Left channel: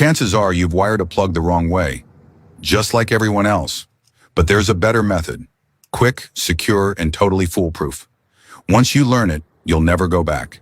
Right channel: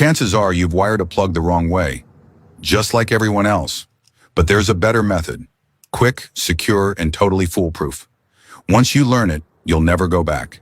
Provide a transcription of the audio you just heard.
Chances are you've wired a plug the wrong way, just like everyone else. But there's a better method. Quick, secure, and totally foolproof. Once you learn it, you'll never go back.